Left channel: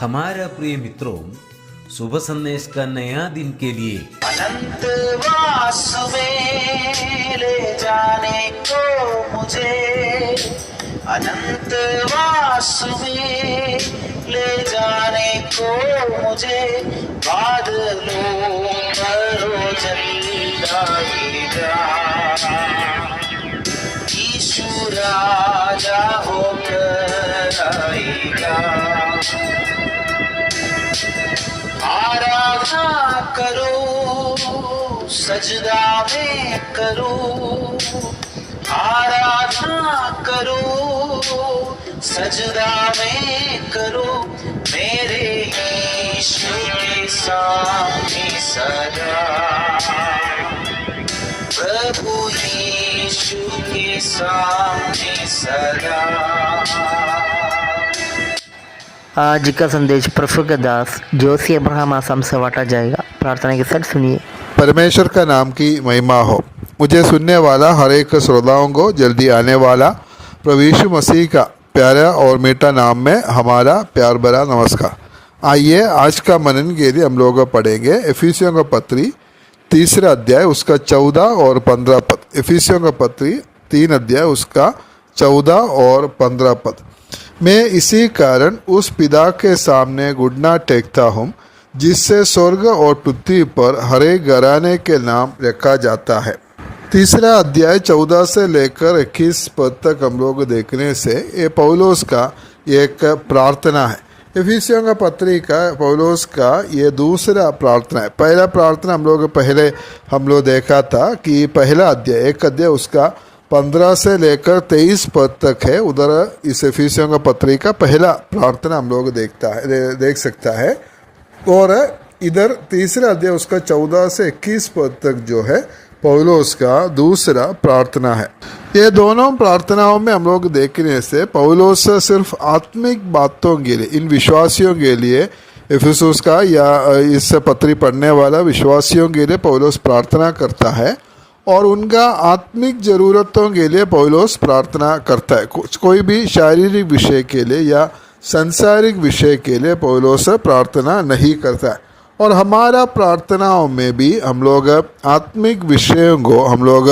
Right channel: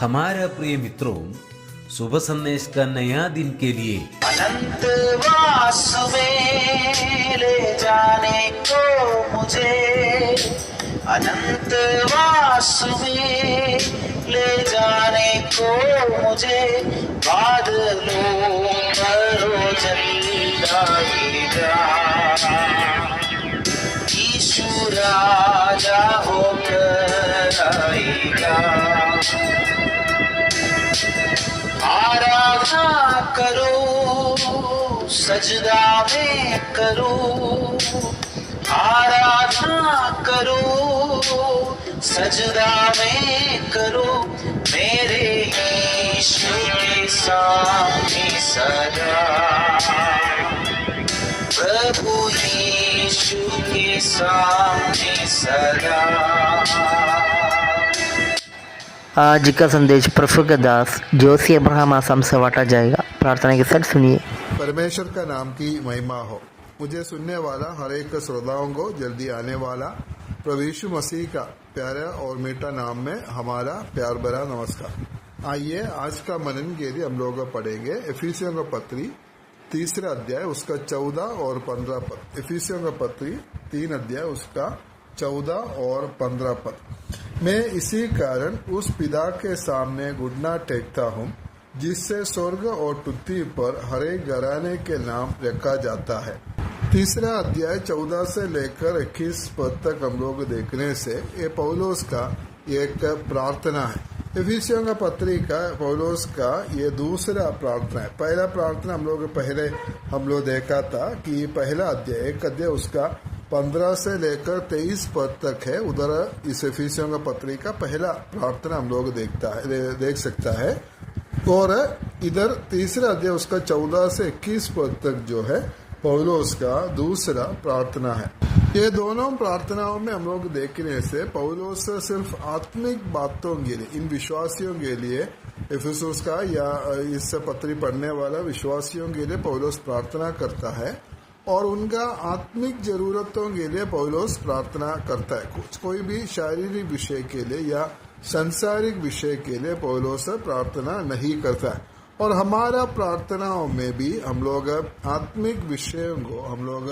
हमारा प्रिय मित्रों, शुभ संदेश का नया दिन के लिए अनंत वास में ले जाने को मुझे, अनंत वास में ले जाने को मुझे, बादलों पर जल जाएगा यीशु राजा होकर आएगा। आराधना करो सजदा में करो, आराधना करो सजदा में करो, मेरे यीशु के सामने सदा, प्रभु यीशु के सामने सदा। आज का संदेश प्रफुल्ल के दास जोशी अब्राहम आसाम से बांटा जाएगा। प्रार्थना के साथ सुनिए। परमेश्वर का नाम की महिमा हो। मुझे सुनने वाला हर एक श्रोताओं को जल्दी आने वाला प्रभु यीशु मसीह का प्यारा और मीठा नाम में हमारा प्यार भरा नमस्कार। आइए आज का मनन के लिए हम लोग पढ़ेंगे इफिसियों का पत्री 3 अध्याय उसका 14 और 15 पद। इफिसियों का पत्री 3 अध्याय उसका 14 और 15 पद। मैं इसी कारण उस पिता के सामने घुटना टेकता हूँ जिससे स्वर्ग और पृथ्वी पर हर एक घराने के नाम रखा जाता है। 3 अध्याय 14 से लेकर 21 पद तक हम लोग देखने से ये पौलुस का एक प्रार्थना है। इफिसियों का पत्री का पौलुस का ये दूसरा प्रार्थना है। पहला प्रार्थना हम लोग देखा था कि पहला अध्याय 1 अध्याय उसका 15 से लेकर 23 पद तक है। उधर इस इफिसियों का पत्री का पहला प्रार्थना हम लोग देख सकता है। और इधर 3 अध्याय उसका 14 से 21 पद तक जो है पौलुस का दूसरा प्रार्थना है। ये दोनों प्रार्थनाओं में हम लोग देखने से पौलुस सिर्फ आत्मिक बातों के लिए, इन विश्वासियों के लिए, इफिसुस का या इस पत्री पढ़ने वाला विश्वासियों के लिए पौलुस प्रार्थना करता है और उनका आत्मिक ज़रूरतों के लिए पौलुस प्रार्थना करता है। कोई भी शारीरिक विषय के लिए या सांसारिक विषय के लिए पौलुस प्रार्थना नहीं करता है। और हमारा प्रार्थनाओं में भी हम लोग आत्मिक विषयों को हम लोग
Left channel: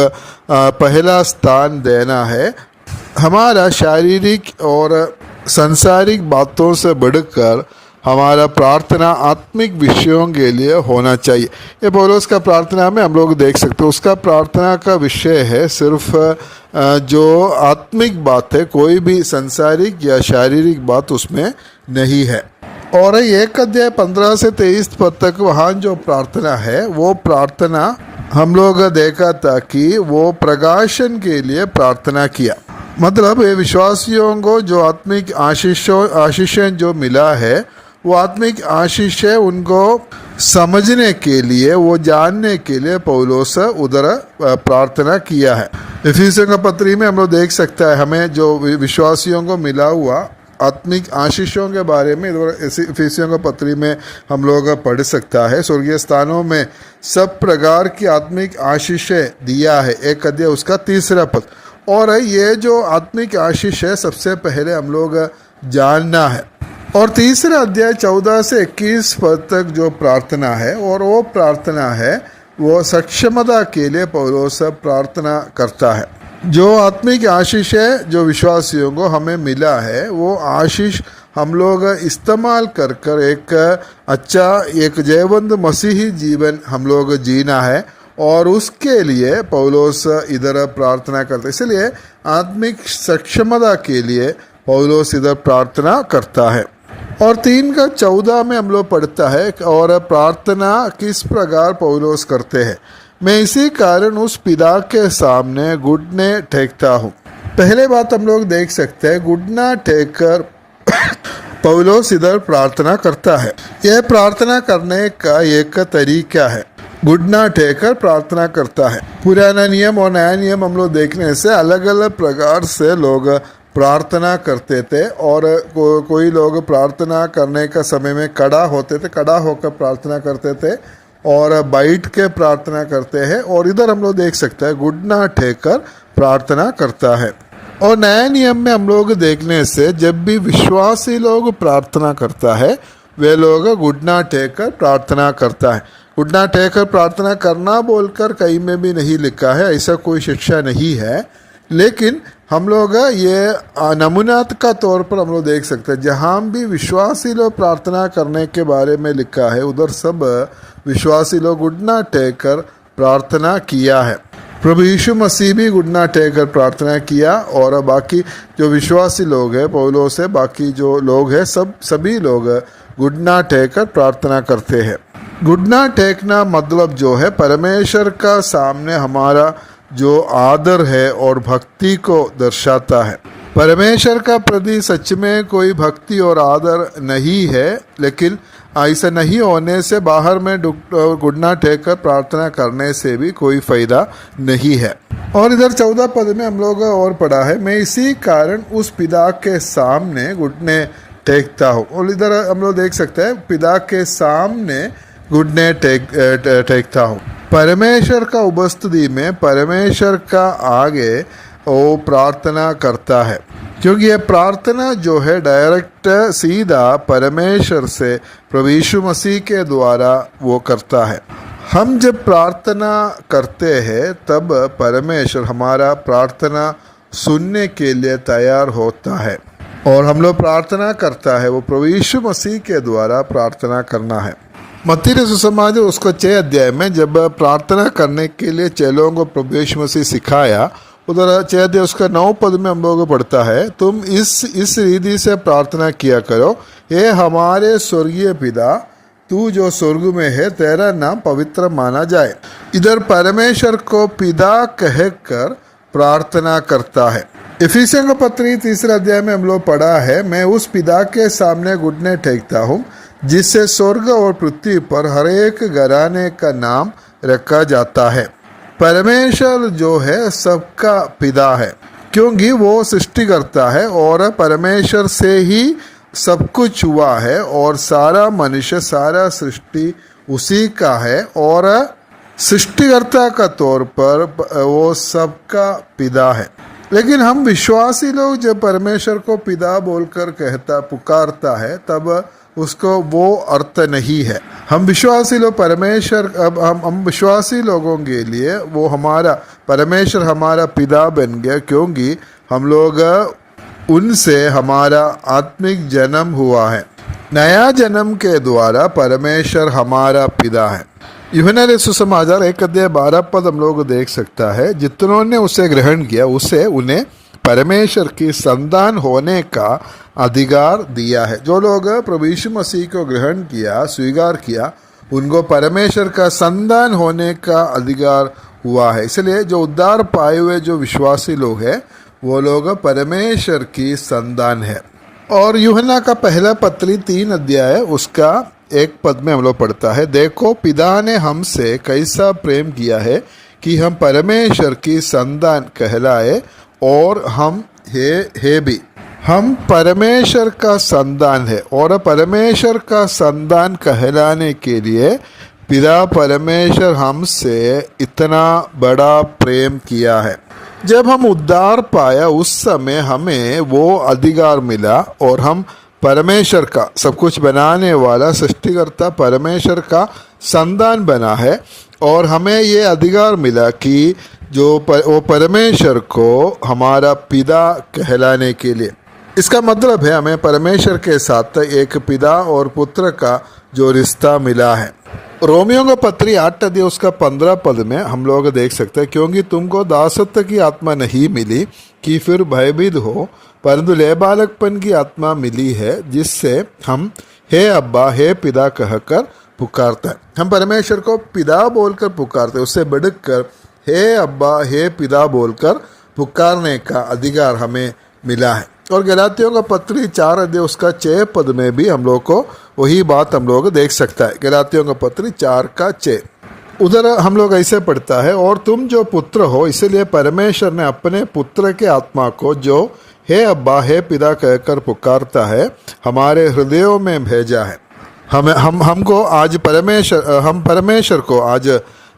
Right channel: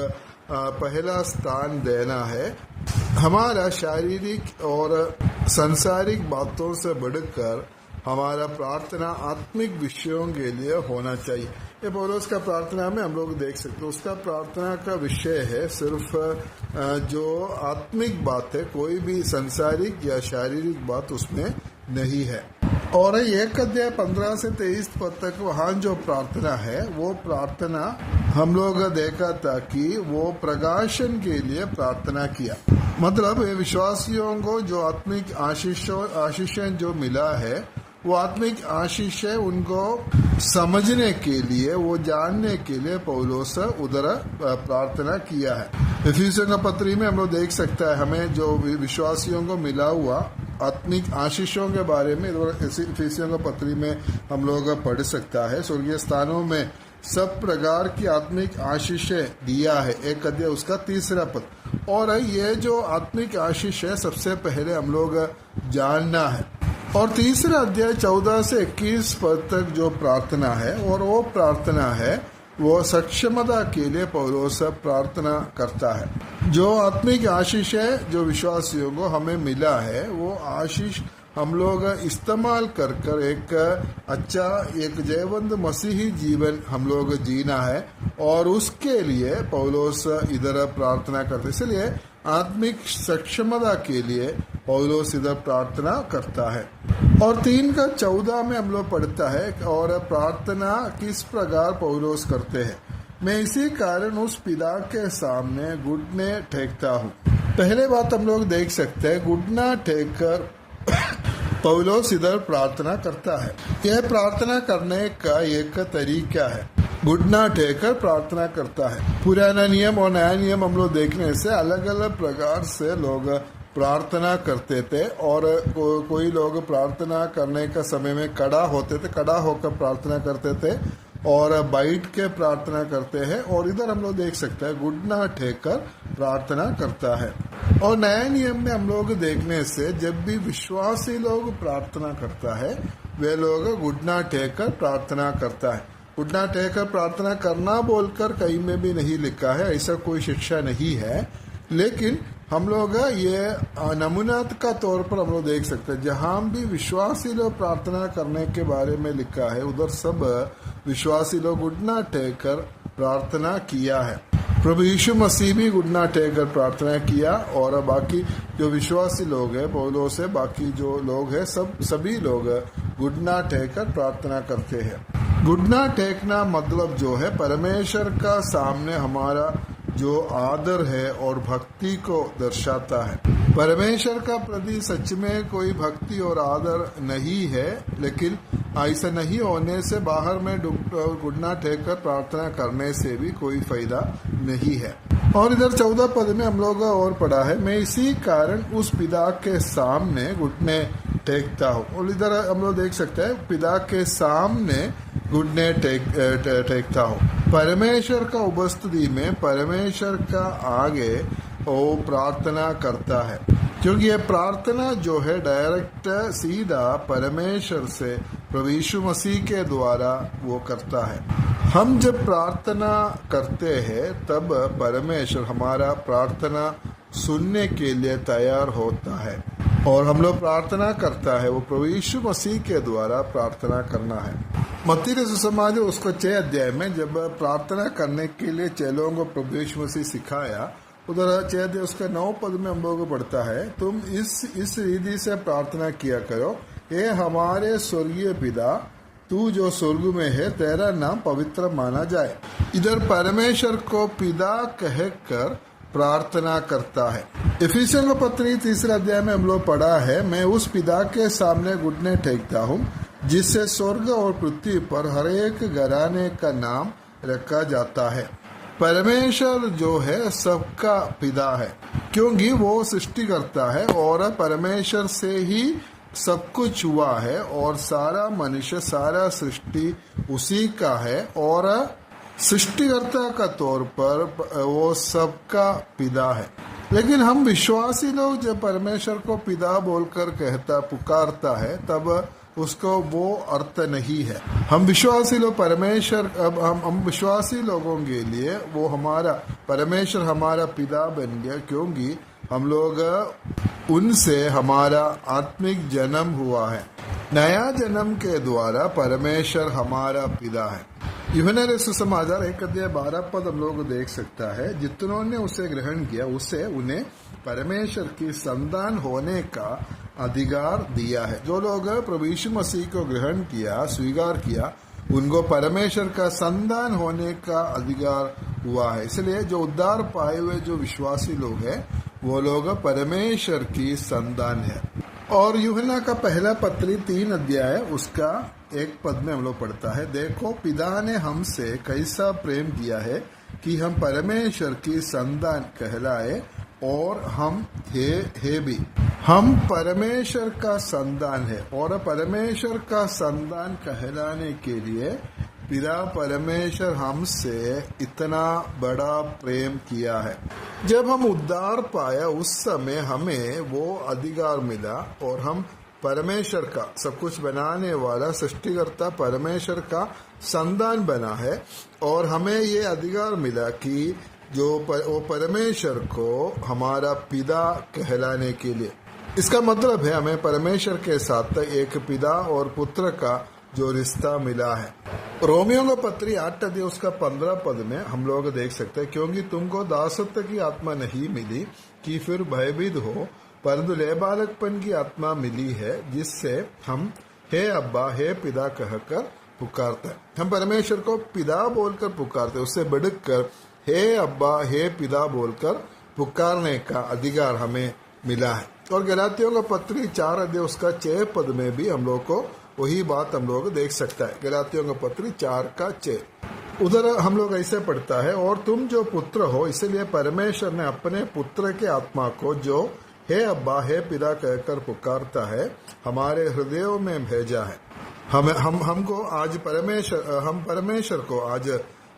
पहला स्थान देना है। हमारा शारीरिक और सांसारिक बातों से बढ़कर हमारा प्रार्थना आत्मिक विषयों के लिए होना चाहिए। ये पौलुस का प्रार्थना में हम लोग देख सकते हैं। उसका प्रार्थना का विषय है सिर्फ जो आत्मिक बात है, कोई भी सांसारिक या शारीरिक बात उसमें नहीं है। और 1 अध्याय 15 से 23 पद तक वहाँ जो प्रार्थना है वो प्रार्थना हम लोग देखा था कि वो प्रकाशन के लिए प्रार्थना किया। मतलब ये विश्वासियों को जो आत्मिक आशीषें जो मिला है वो आत्मिक आशीष है, उनको समझने के लिए, वो जानने के लिए पौलुस उधर प्रार्थना किया है। इफिसियों का पत्री में हम लोग देख सकता है हमें जो विश्वासियों को मिला हुआ आत्मिक आशीषों के बारे में इफिसियों का पत्री में हम लोग पढ़ सकता है। स्वर्गीय स्थानों में सब प्रकार की आत्मिक आशीषें दिया है। 1 अध्याय उसका 3 पद। और ये जो आत्मिक आशीष है सबसे पहले हम लोग जानना है। और 3 अध्याय 14 से 21 पद तक जो प्रार्थना है और वो प्रार्थना है वो सक्षमता के लिए पौलुस प्रार्थना करता है। जो आत्मिक आशीष है जो विश्वासियों को हमें मिला है वो आशीष हम लोग इस्तेमाल कर एक अच्छा एक जयवंत मसीही जीवन हम लोग जीना है और उसके लिए पौलुस इधर प्रार्थना करते। इसलिए आत्मिक सक्षमता के लिए पौलुस इधर प्रार्थना करता है। और 3 का 14 में हम लोग पढ़ता है और प्रार्थना किस प्रकार पौलुस करते हैं। मैं इसी कारण उस पिता के सामने घुटने टेकता हूँ। पहले बात हम लोग देख सकते हैं, घुटना टेक कर पौलुस इधर प्रार्थना करता है। यह प्रार्थना करने का एक तरीका है, घुटना टेक कर प्रार्थना करता है। पुराना नियम और नया नियम हम लोग देखने से अलग अलग प्रकार से लोग प्रार्थना करते थे। और कोई लोग प्रार्थना करने का समय में खड़ा होते थे, खड़ा होकर प्रार्थना करते थे और बैठ के प्रार्थना करते हैं। और इधर हम लोग देख सकते हैं घुटना टेक कर प्रार्थना करता है। और नए नियम में हम लोग देखने से जब भी विश्वासी लोग प्रार्थना करता है वे लोग घुटना टेक कर प्रार्थना करता है। घुटना टेक कर प्रार्थना करना बोलकर कहीं में भी नहीं लिखा है, ऐसा कोई शिक्षा नहीं है। लेकिन हम लोग ये नमूनात का तौर पर हम लोग देख सकते हैं, जहाँ भी विश्वासी लोग प्रार्थना करने के बारे में लिखा है उधर सब विश्वासी लोग घुटना टेक कर प्रार्थना किया है। प्रभु यीशु मसीह भी घुटना टेक कर प्रार्थना किया, और बाकी जो विश्वासी लोग हैं पौलुस से बाकी जो लोग हैं सभी लोग घुटना टेक कर प्रार्थना करते हैं। घुटना टेकना मतलब जो है परमेश्वर का सामने हमारा जो आदर है और भक्ति को दर्शाता है। परमेश्वर का प्रति सच में कोई भक्ति और आदर नहीं है, लेकिन ऐसा नहीं होने से बाहर में घुटना टेक कर प्रार्थना करने से भी कोई फायदा नहीं है। और इधर 14 पद में हम लोग और पढ़ा है, मैं इसी कारण उस पिता के सामने घुटने टेकता हूँ। और इधर हम लोग देख सकते हैं पिता के सामने घुटने टेकता हूँ। परमेश्वर का उपस्थिति में परमेश्वर का आगे वो प्रार्थना करता है, क्योंकि ये प्रार्थना जो है डायरेक्ट सीधा परमेश्वर से प्रभु यीशु मसीह के द्वारा वो करता है। हम जब प्रार्थना करते हैं तब परमेश्वर हमारा प्रार्थना सुनने के लिए तैयार होता है, और हम लोग प्रार्थना करता है वो प्रभु यीशु मसीह के द्वारा प्रार्थना करना है। मत्ती के सुसमाचार उसको 6 अध्याय में जब प्रार्थना करने के लिए चेलों को प्रभु यीशु मसीह सिखाया, उधर 6 अध्याय उसका 9 पद में हम लोगों को पढ़ता है, तुम इस रीति से प्रार्थना किया करो, ये हमारे स्वर्गीय पिता, तू जो स्वर्ग में है तेरा नाम पवित्र माना जाए। इधर परमेश्वर को पिता कहकर प्रार्थना करता है। इफिसियों का पत्री 3 अध्याय में हम लोग पढ़ा है, मैं उस पिता के सामने घुटने टेकता हूँ जिससे स्वर्ग और पृथ्वी पर हर एक घराने का नाम रखा जाता है। परमेश्वर जो है सबका पिता है, क्योंकि वो सृष्टि करता है और परमेश्वर से ही सब कुछ हुआ है, और सारा मनुष्य सारा सृष्टि उसी का है, और सृष्टिकर्ता का तौर पर वो सबका पिता है। लेकिन हम विश्वासी लोग जब परमेश्वर को पिता बोलकर पुकारता है तब उसको वो अर्थ नहीं है। हम विश्वासी लोग परमेश्वर हम विश्वासी लोगों के लिए वो हमारा परमेश्वर हमारा पिता बन गया, क्योंकि हम लोग उनसे हमारा आत्मिक जन्म हुआ है। नया जन्म के द्वारा परमेश्वर हमारा पिता है। यूहन्ना के सुसमाचार 1 अध्याय 12 पद हम लोग देख सकता है, जितनों ने उसे ग्रहण किया उसे उन्हें परमेश्वर की संतान होने का अधिकार दिया है। जो लोग प्रभु यीशु मसीह को ग्रहण किया स्वीकार किया उनको परमेश्वर का संतान होने का अधिकार हुआ है। इसलिए जो उद्धार पाए हुए जो विश्वासी लोग हैं वो लोग परमेश्वर की संतान है। और यूहन्ना का पहला पत्री 3 अध्याय उसका 1 पद में हम लोग पढ़ता है, देखो पिता ने हमसे कैसा प्रेम किया है कि हम परमेश्वर की संतान कहलाए, और हम है भी। हम परमेश्वर का संतान है, और परमेश्वर का संतान कहलाने के लिए पिता परमेश्वर हमसे इतना बड़ा प्रेम किया है। जब हम उद्धार पाया उस समय हमें वो अधिकार मिला, और हम परमेश्वर का सब कुछ बनाने वाला सृष्टिकर्ता परमेश्वर का संतान बना है, और हमें ये अधिकार मिला कि वो परमेश्वर को हमारा पिता कहलाने के लिए। इसका मतलब है हमें परमेश्वर के साथ एक पिता और पुत्र का जो रिश्ता मिला है। रोमियो का पत्री 8 अध्याय उसका 15 पद में हम लोग देख सकते हैं, क्योंकि तुमको दासत्व की आत्मा नहीं मिली कि फिर भयभीत हो, परंतु लेबालकपन की आत्मा मिली है, जिससे हम हे अब्बा हे पिता कहकर पुकारते हैं। हम परमेश्वर को पिता बोलकर पुकारते हैं, उससे बढ़कर हे अब्बा हे पिता बोलकर पुकारने का अधिकार हमें मिला है। और गलातियों का पत्री 4 अध्याय उसका 6 पद में भी हम लोग को वही बात हम लोग देख सकता है। गलातियों का पत्री 4 का 6 उधर हम लोग ऐसे पढ़ता है, और तुम जो पुत्र हो इसलिए परमेश्वर ने अपने पुत्र के आत्मा को जो हे अब्बा हे पिता कहकर पुकारता है हमारे हृदयों में भेजा है। हमको आज परमेश्वर को आज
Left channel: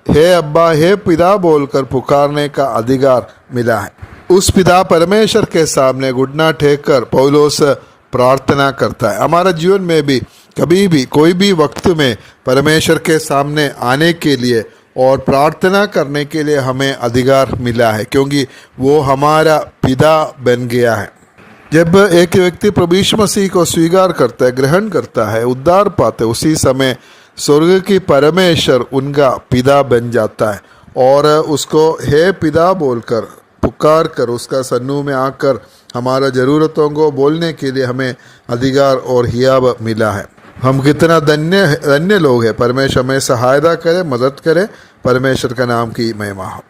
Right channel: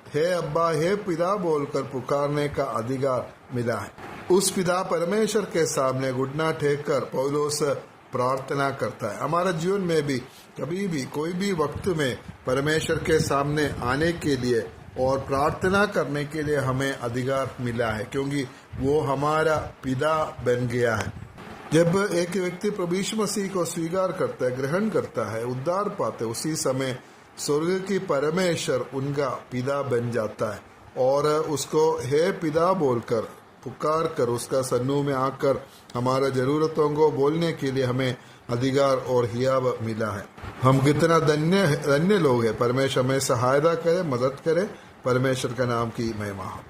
हे अब्बा हे पिता बोलकर पुकारने का अधिकार मिला है। उस पिता परमेश्वर के सामने घुटना टेक कर पौलुस प्रार्थना करता है। हमारा जीवन में भी कभी भी कोई भी वक्त में परमेश्वर के सामने आने के लिए और प्रार्थना करने के लिए हमें अधिकार मिला है, क्योंकि वो हमारा पिता बन गया है। जब एक व्यक्ति प्रभु यीशु मसीह को स्वीकार करता है, ग्रहण करता है, उद्धार पाते, उसी समय स्वर्ग की परमेश्वर उनका पिता बन जाता है और उसको हे पिता बोलकर पुकार कर उसका सन्मुख में आकर हमारा ज़रूरतों को बोलने के लिए हमें अधिकार और हियाब मिला है। हम कितना धन्य लोग हैं। परमेश्वर हमें सहायता करे, मदद करे। परमेश्वर का नाम की महिमा हो।